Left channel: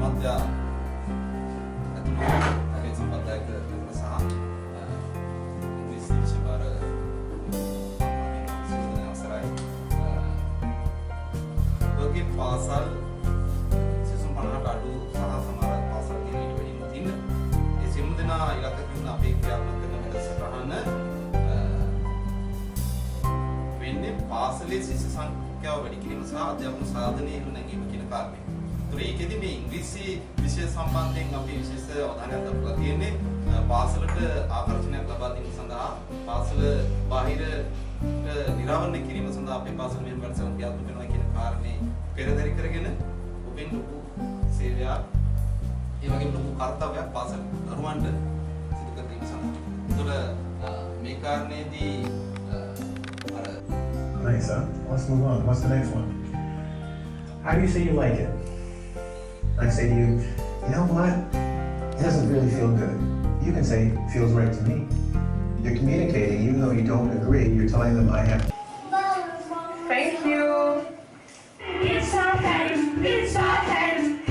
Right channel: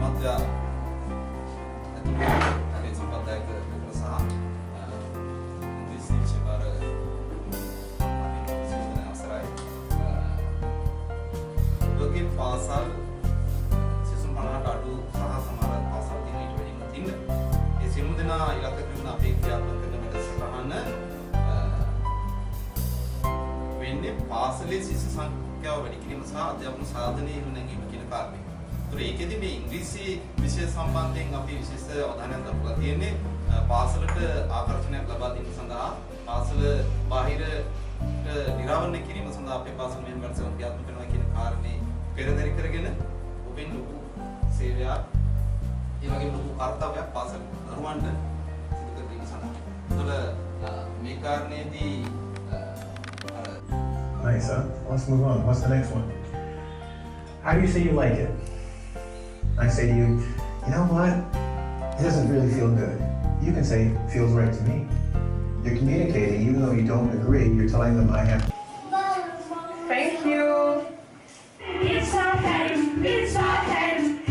මත්යා අතුරු සම්පතයක විතර සහ ඉංග්‍රීසි විෂයවල සිංහල අවසරයි ඔබගේ පාසල් සිසුන් 50ට අඩු සහ සමහර පාසල් තියෙන ඊට වැඩිම තියෙන ඒ සියලුම දෙනා ඉලක්ක කරන අපේ ක්‍රියාත්මක කරන වැඩසටහන වෙන්නේ පාසලේ ශිෂ්‍ය සංඛ්‍යාව වැඩි කිරීම සහ අධ්‍යාපන සාධනය ඉහළ නැංවීම කියන කාරණේ. ඒතර ඒකෙදි මේ ඉංග්‍රීසි විෂය සම්බන්ධයෙන් අපි විශේෂ අවධානයක් දක්වලා තියෙන්නේ පාසලට ආකර්ෂණයක් ලබා දීම සඳහා පාසල බාහිරට නිරාවරණය කිරීම සඳහා අපේ පාසල මෙහෙම වැඩසටහන් ක්‍රියාත්මක කරනවා කියන කාරණේ පෙරදරි කරගෙන ඔබෙන් ලොකු සේවයක් ඒ වගේම ලොකු කාර්යයක් පාසල දරුවන්ට සිදු කර දීම සඳහා. ඒතර මේ කාරණේදී Nice, huh? Let's move on. What's the next one? How do you say you like it? I say to you, you know what? It doesn't really feel good. You can say, feels right to me. You're communicating, even though you don't agree, you're telling them I have. Thank you. It's okay,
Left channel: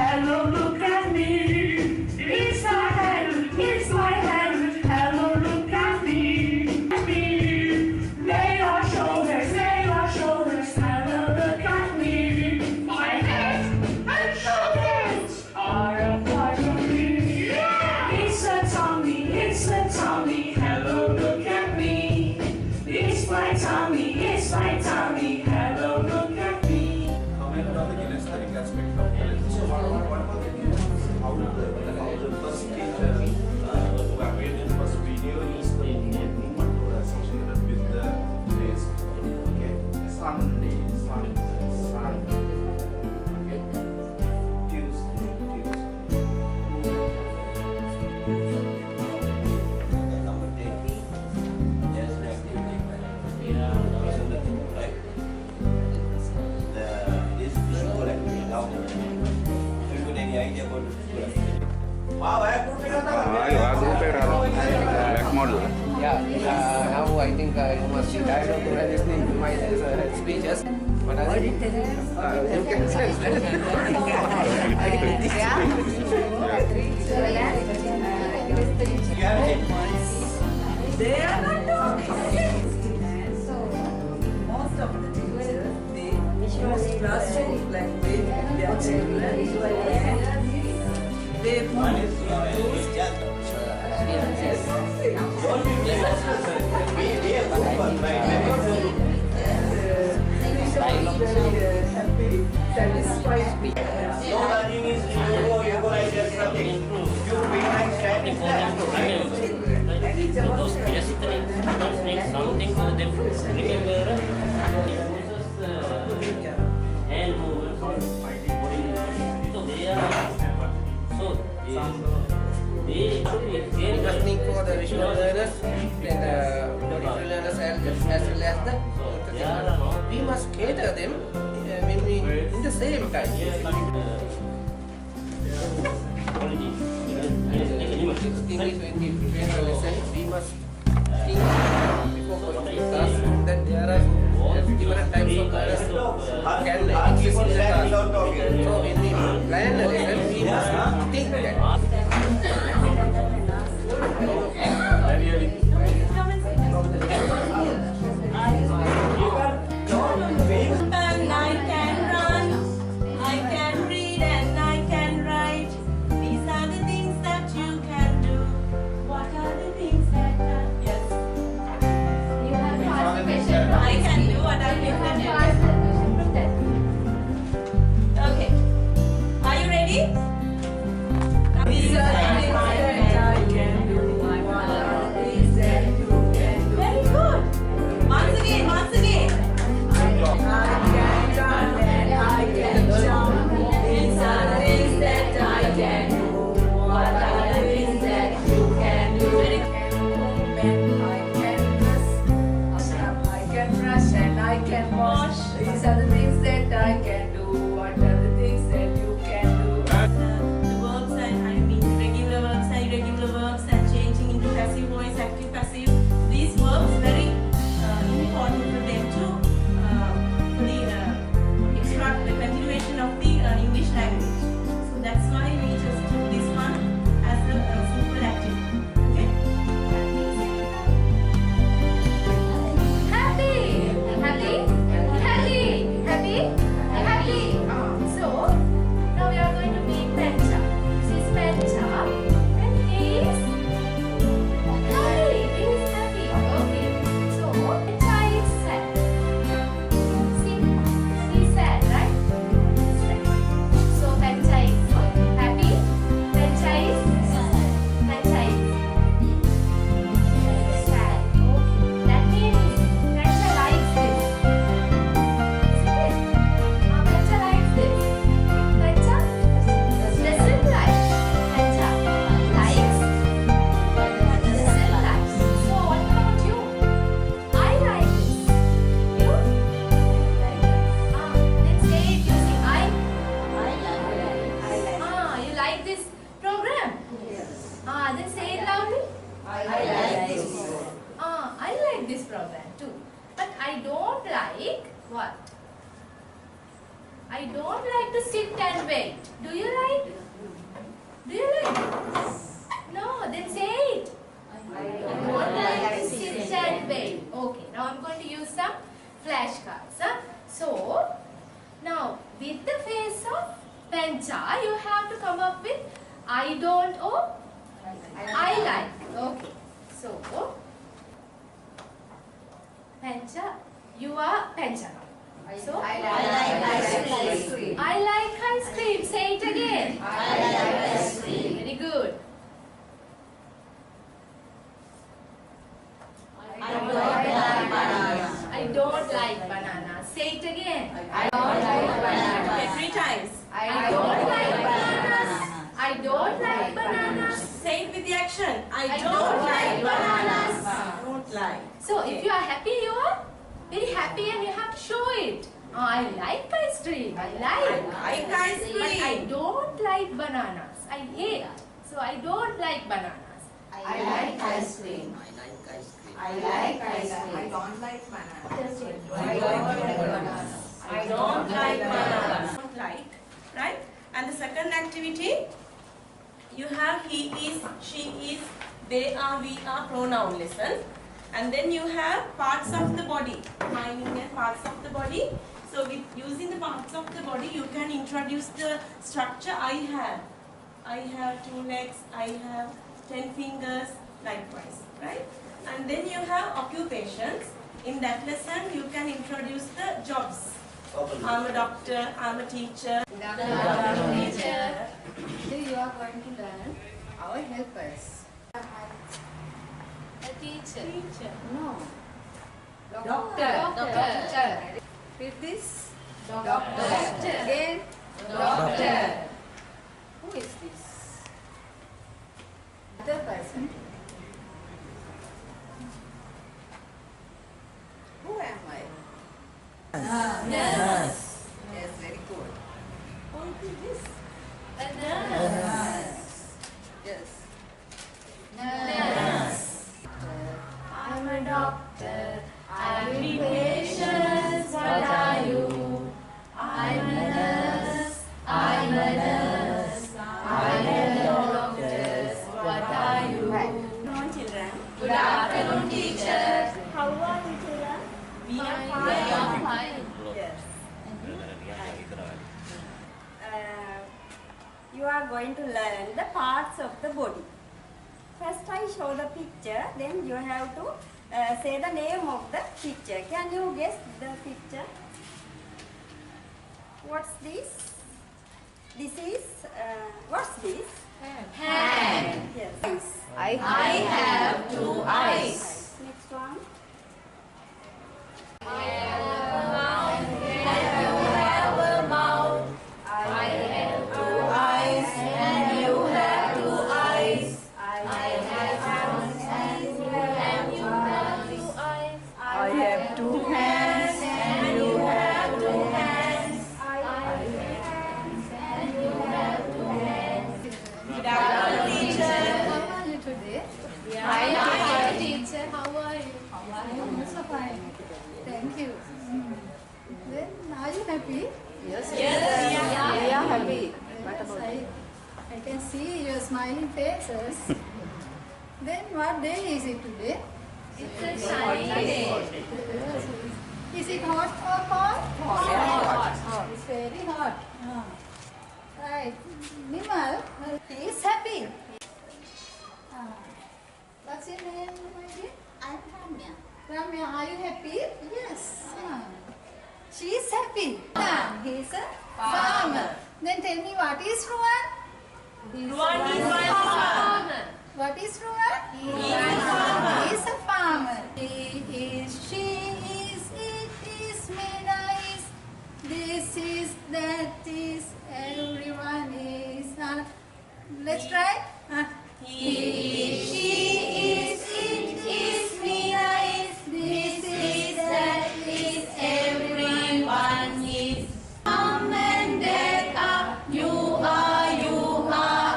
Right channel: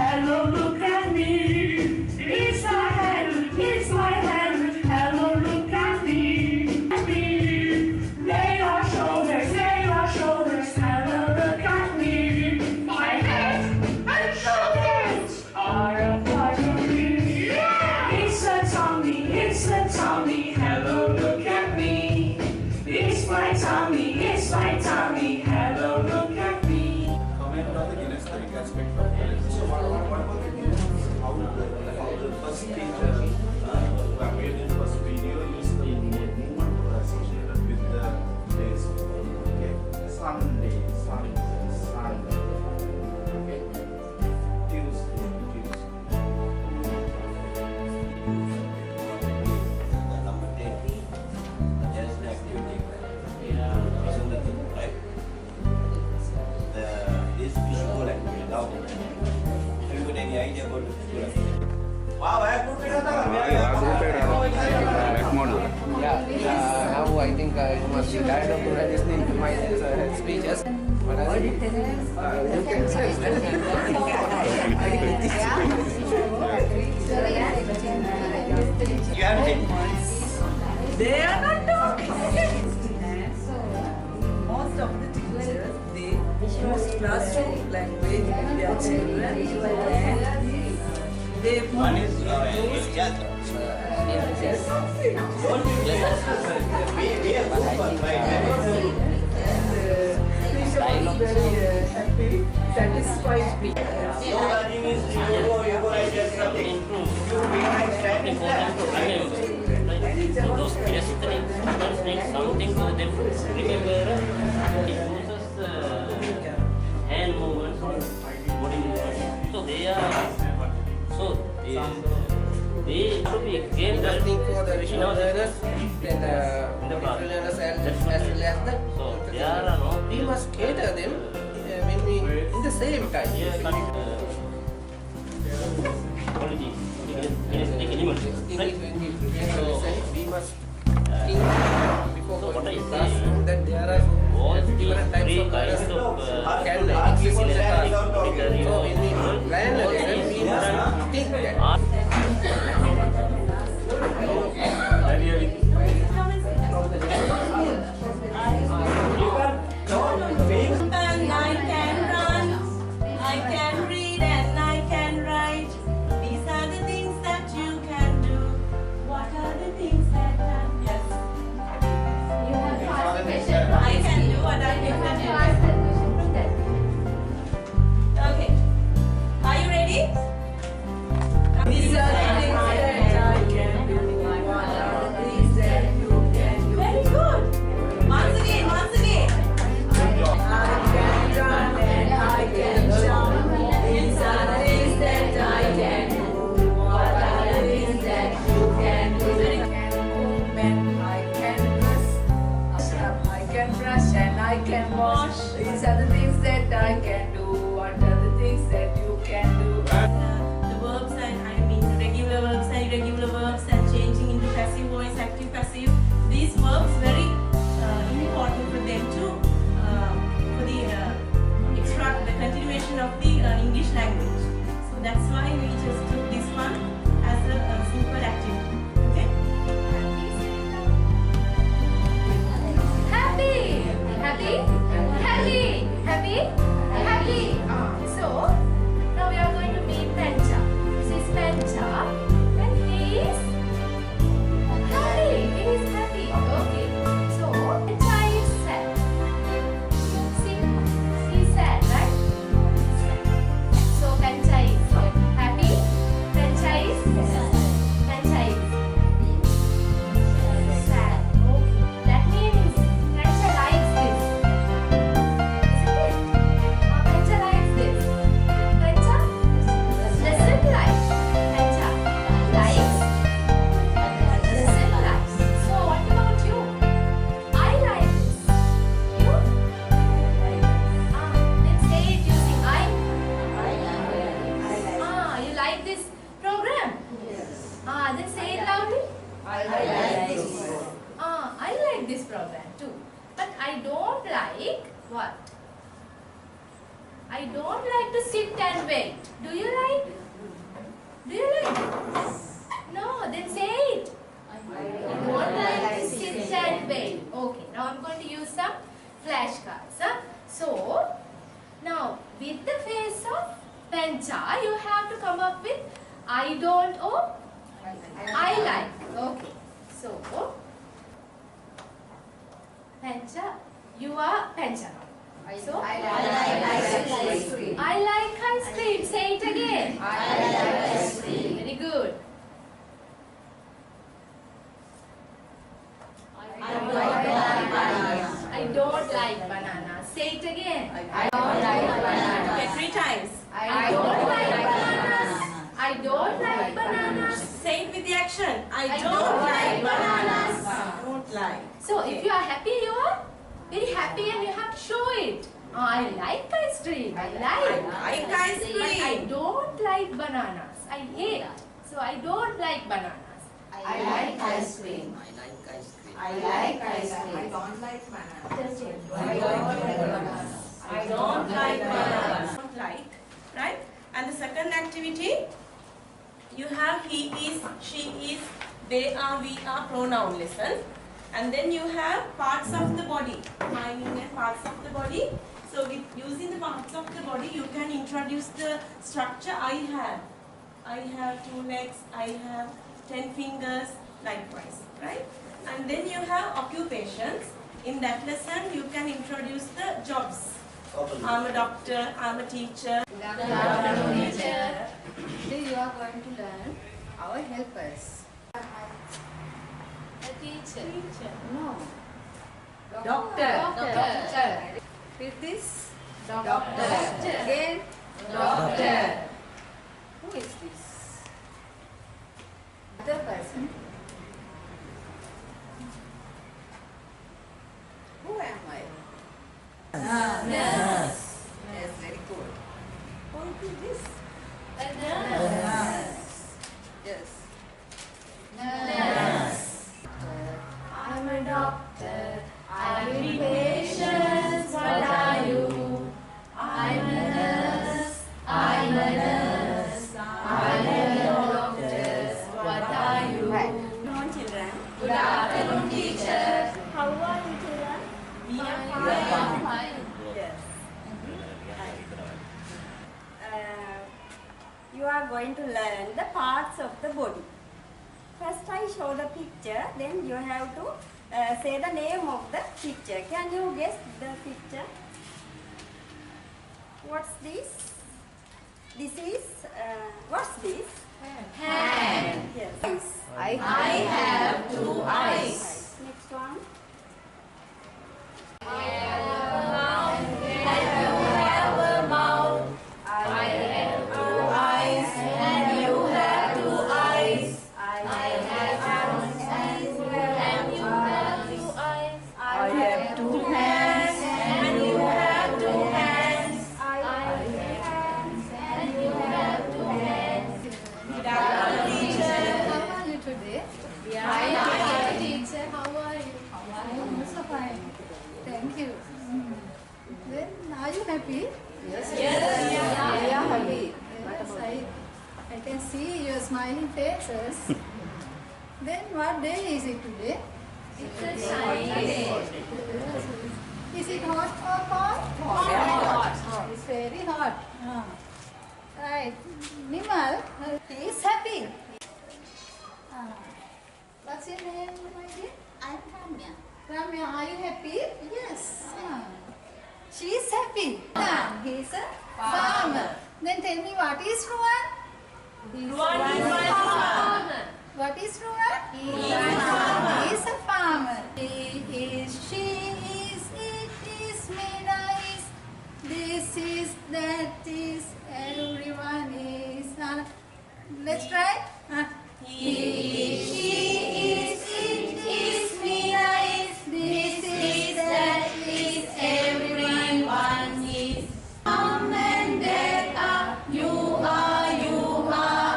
hello, look at me. It's my head, hello, look at me. Lay your shoulders, hello, look at me. My head and shoulders are a part of me. It's a tummy, hello, look at me. It's my tummy, hello, look at me. Comment on the kinesthetic aspect of the lesson. So one more thing is how the first teacher who appeared in the first video used the movement to associated with the days. Okay, Sunday, okay, Tuesday. Number 10, just the activity. Isn't that right? This visual activity. Now, if you got any idea about the visual activity? Wow, I have Back model. Yeah, now I think you must be tired of listening to my speeches. What are they? You can say They are not talking. Most of the teachers, they use classroom language with their children, and they one is happy, satisfied. Those gesturing means something to them. Remember, he uses hand movements, body movements. So they are interesting for the visual learners and the visual learners as well as the we must cater them when we in the same time. We must think before going to classroom that there are different types of learners can exist in the classroom. So when we plan a lesson, we must think that. And I can run, I can read, and I can write. These are the things that you can do. What are the things that yes? I can do what I can do. Okay. Are you ready? These are the things that I can do. What are the things that you can do? Very good. Once again. I can run and I can jump. These are the things that I can do. What are the things that you can do? I can dress, I can brush and I can wash. These are the things that I can do. What are the things that you can do? The verbs and regular verbs and irregular verbs and changing into passive voice, active, passive. These verbs very important for them to for the continuation of the English language. So that's why we than 2. But I don't like what? I don't like to sit and wait. Do you like? Do you like? No, then say it. I don't like to sit and wait. Okay, now I'm going to use some flashcards. So, now with the face of Pancha, you have to come up with I don't or I like. Okay, so Pancha, you are Pancha. So, I like ice cream. I like ice cream. Say it again. I like ice cream. Very good. I don't like bananas. I don't like banana. Say it again. I don't like bananas. Okay, 3 times. I don't like bananas. I don't like bananas. Say it with the action. I I don't like bananas. bananas. Don't like. So if you are happy, you are very happy and you have to show it. I like ice cream. I like. I like ice But I cream. don't like bananas. I hate. So I don't like bananas. I like ice cream. I like ice cream. I like ice I cream. don't like bananas. Just it. I don't like bananas. I don't like bananas. Don't like, right? And the second activity, you have he is, she is, they are, we are pronoun lesson. And then you have parts of the body, defining and parts of the body. So with using the parts of the body, you can introduce the structure. I have 2 legs, I have 10 fingers, likewise, right? And then you have occupations. In that lesson, you can introduce the jobs. I'm a doctor, I'm a teacher. Good afternoon, Teacher. Today you are going to learn our helpers. A teacher. No. Doctor. Doctor. With this? Doctor. Again? Doctor. Who is this? Other person. Who am I? Nurse. Yes, very good. Who is this? A nurse. Yes. Nurse. I'm a doctor. I treat patients. What are you? I'm a nurse. I'm a nurse. I help doctors. What are you? No children. Good afternoon, teacher. How are you children? We are Fine. fine. Fine. Yes. You are going to learn the parts of the body. First I show the picture, then you have to say the name of the picture. Can you guess the picture? What's this? This is, what's this? Hand. Yes. I have 2 eyes. Next one. I have a mouth. And you have a mouth. I have 2 eyes. And you have 2 eyes. I have hands. And you have 2 eyes. I have 2 hands. And you have 2 hands. I have hands. And you have 2 hands. Good afternoon, teacher. How are you today? Hi, teacher. How are you? I'm also fine. Thank you. Then, are you happy? Yes. We are happy. Yes, I can see your smiling faces. Then, what day is it today? It's a shiny day. Is it hot or cold? Hot. It's very hot. Right. Nimal, he is happy. What's your name, my dear? I'm Ramya. Ramya, are you happy? Yes. She is happy. He is a farmer. Then tell me, what is Ruan? Ruan is my farmer. What is Ruan? He is a farmer. He is a farmer. He is, she is, it is, Meena is, this is, that is, everyone is. Let's try. He is, she is, it is, Meena is, this is, that is, everyone is. Mom and Dad are, you are,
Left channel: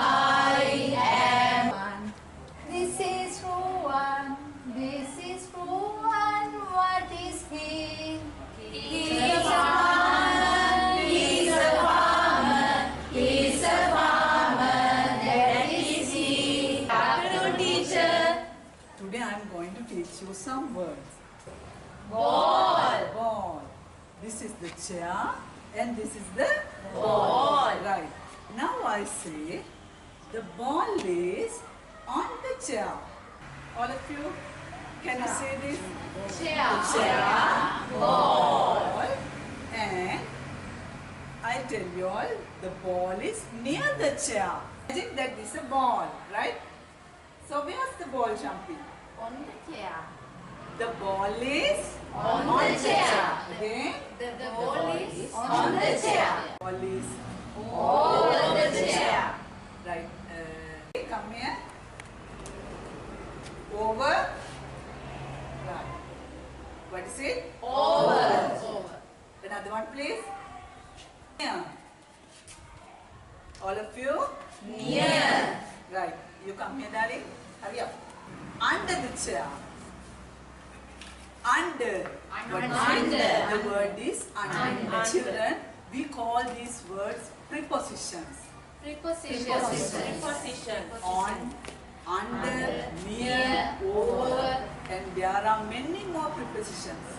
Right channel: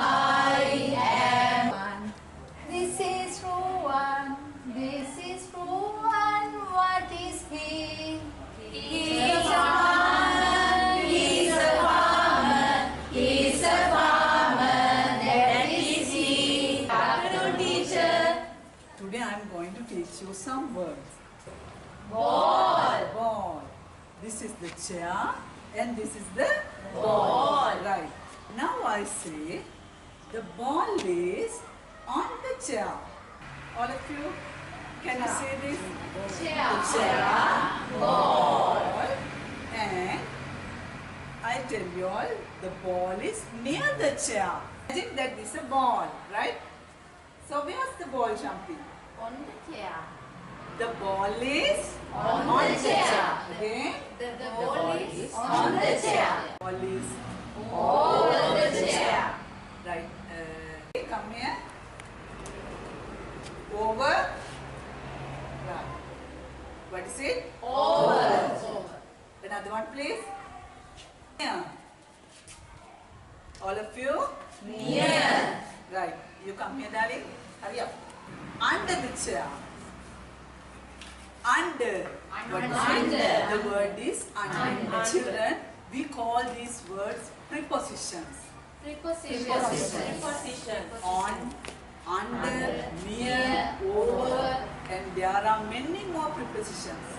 I am. This is Ruan, this is Ruan, the chair and this is the Ball. Right. Now I say the ball is on the chair. All of you, can you say this? Chair. Ball. And I tell you all, the ball is near the chair. Imagine that this is a ball, right? So where's the ball jumping? On the chair. The ball is On the chair. Again, The ball is on the chair. ball is Over the chair. right. Come here. Over. Right. What is it? Over. Another one, please. Near. All of you? Near. Right. You come here, darling. Hurry up. Under the chair. Under. What is it? Under. The word is under. Under. Children, we call these words prepositions. Preposition. On, under, near, Near, over, and there are many more prepositions.